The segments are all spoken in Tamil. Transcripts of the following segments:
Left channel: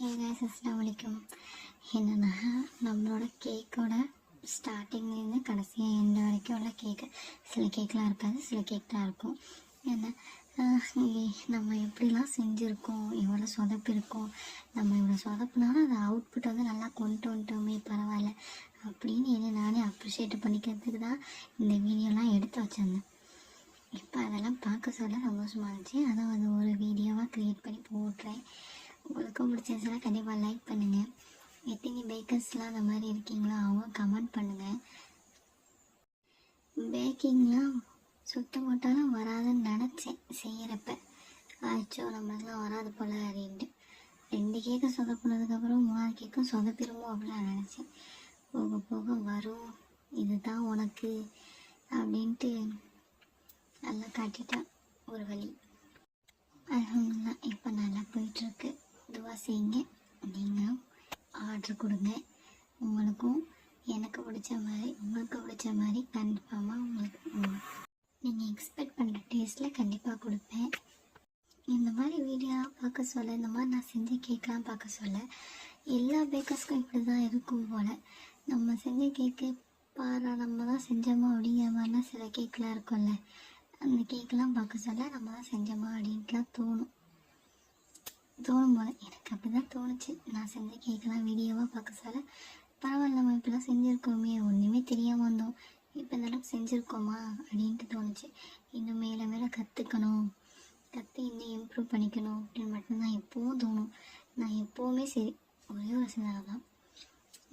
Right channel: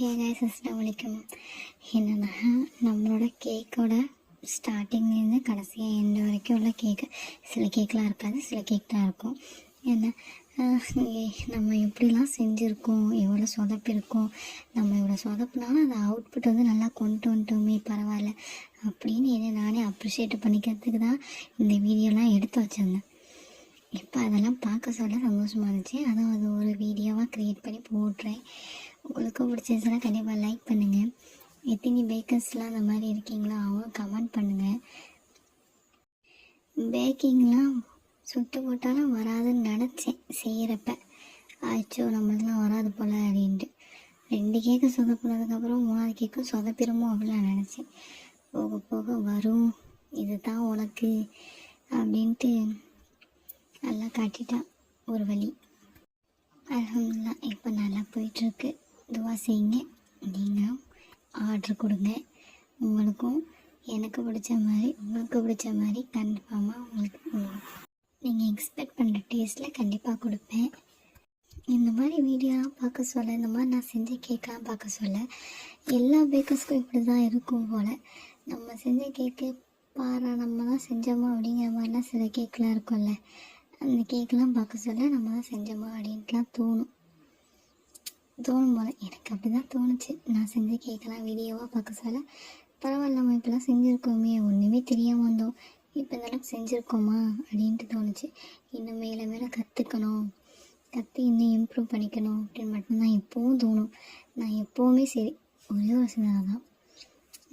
ஹே கைஸ், அஸ்ஸலாமு அலைக்கும். என்னென்னா, நம்மளோட கேக்கோட ஸ்டார்டிங்லேருந்து கடைசியாக எந்த வரைக்கும் உள்ள கேக்கு, சில கேக்கெலாம் இருக்காது, சில கேக் தான் இருக்கும். ஏன்னா நம்ம எப்படிலாம் செஞ்சுருக்கோம், எவ்வளோ சொதப்பிருக்கோம், நம்ம இவ்வளோ சொதப்புனாலும் அதை அவுட்புட் வந்து நல்லா கொண்டு வந்துட்டோமே, பரவாயில்ல அப்படின்னு என்னை நானே அப்ரிஷியேட் பண்ணிக்கிறதுக்கு தான் இந்த வீடியோலாம் எடுத்து வச்சுருந்தேன். இப்போ அதெல்லாம் பார்க்க சொல்ல சந்தோஷமாக இருந்துச்சு. அதான் அது ஒரு வீடியோவாக க்ரியேட் பண்ணி போடுறேன். உங்களுக்கு பிடிச்சிருந்துச்சுன்னா கண்டிப்பாக லைக் பண்ணுங்கள். எத்தனை பேக்கர்ஸ்லாம் அந்த மாதிரி இருக்கீங்களோ அவங்க கமெண்ட் பண்ணுங்கள். பேக்கிங்லாம் சுட்டு போட்டாலும் வராதுன்னு நினச்சேன் செய்கிறப்ப. ஆச்சோ நம்மளுக்குலாம் வராது போல் அப்படின்ட்டு 2 கேக்கை சொதப்பினதுக்கப்புறம் 3வது கேக்கும் சொதப்பிடுமோ அப்படிலாம் நினச்சேன். போக போக வரும், இதுதான் உனக்கு அப்படின்ட்டு நல்லா காட்டிட்டான் ஒரு வழி. அல்ஹம்துலில்லாஹ் இப்போ நல்லா போயிட்டுருக்கு. துவா செய்யுங்க, நீங்களும் ஆர்டர் கொடுங்க. உங்களுக்கும் எனக்கு பிடிச்ச மாதிரி உங்களுக்கு பிடிச்ச மாதிரி கன்ஃபார்மாக உங்களுக்கு நீங்கள் எக்ஸ்பெக்ட் பண்ணுற டேஸ்ட்டில் கண்டிப்பாக கொடுப்பேன். இந்த மாதிரி வீடியோலாம் பார்க்க சொல்ல, இந்த மாதிரி நான் செஞ்ச கேக்கெலாம் பார்க்க சொல்ல எல்லா பேக்கர்ஸ்க்கும் இப்படி தான் இருக்கும் போல். நம்ம செஞ்ச கேக்கு பாரா நம்ம தான் செஞ்சோமா அப்படிங்கிற மாதிரிலாம் சில கேக்கெலாம் இருக்கும்ல, அந்த கேக்கெலாம் பார்க்க சொல்ல நம்ம தான் செஞ்சோமா அப்படின்ட்டுலாம் தோணும் போல். எனக்கு அப்படி தான் தோணுச்சு. நான் செஞ்ச கேக்கெல்லாம் வீடியோவாக பார்க்க சொல்ல பரவாயில்ல, நம்ம இப்படிலாம் செஞ்சுருக்கோமே, ஒன்றுமே தெரியாமல் வந்தோம், இப்போ இதெல்லாம் செஞ்சுருக்கோமா அப்படின்ட்டு தோணுச்சு. இன்னும் மேலே மேலே கற்றுக்கணும், இன்னும் இம்ப்ரூவ் பண்ணிக்கணும் அப்படின்னு மட்டும்தான் எப்போவும் தோணும். நான் எப்போவுமே சரி, ஒரே ஒரு சிந்தனை தான்,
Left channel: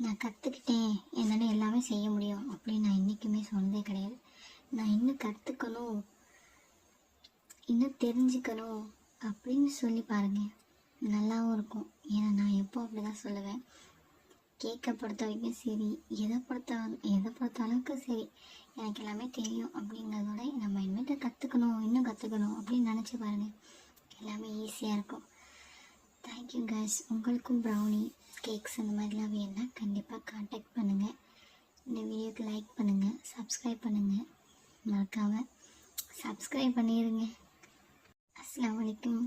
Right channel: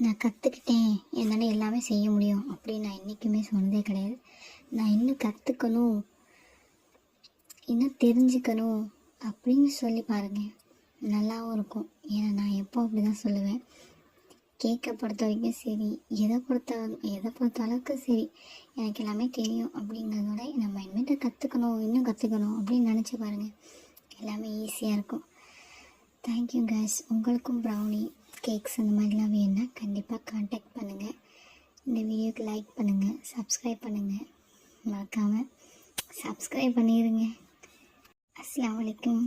நான் கற்றுக்கிட்டேன் என்னால் எல்லாமே செய்ய முடியும் அப்படின்னு நான் என்றைக்குமே சொன்னதே கிடையாது. நான் இன்னும் கற்றுக்கணும், இன்னும் தெரிஞ்சுக்கணும் அப்படின்னு சொல்லி பாருங்கள், நல்லாவும் இருக்கும். ஏன்னா நான் எப்போ அப்படி தான் சொல்லுவேன். கேக்கை பொறுத்த வரைக்கும் சரி, எதை பொறுத்த அளவுக்கு சரி, எனக்கு எல்லாமே தெரியும் அப்படிங்கிறதோட நம்ம இனிமேட்டு இன்னும் கற்றுக்கணும் அப்படின்னு நினச்சி பாருங்கள், எல்லாமே ஈஸியாக இருக்கும். Thank you guys. உங்களுக்கும் ப்ரௌனி கேக்ஸ் இந்த மாதிரிலாம் வேணுன்னா கண்டிப்பாக காண்டாக்ட் பண்ணுங்கள். இந்த வீடியோக்கு லைக் பண்ணுங்கள், சப்ஸ்கிரைப் பண்ணுங்கள், மறக்காமல் சப்ஸ்கிரைப் பண்ணிடுங்க. அஸ்ஸலாமு அலைக்கும்.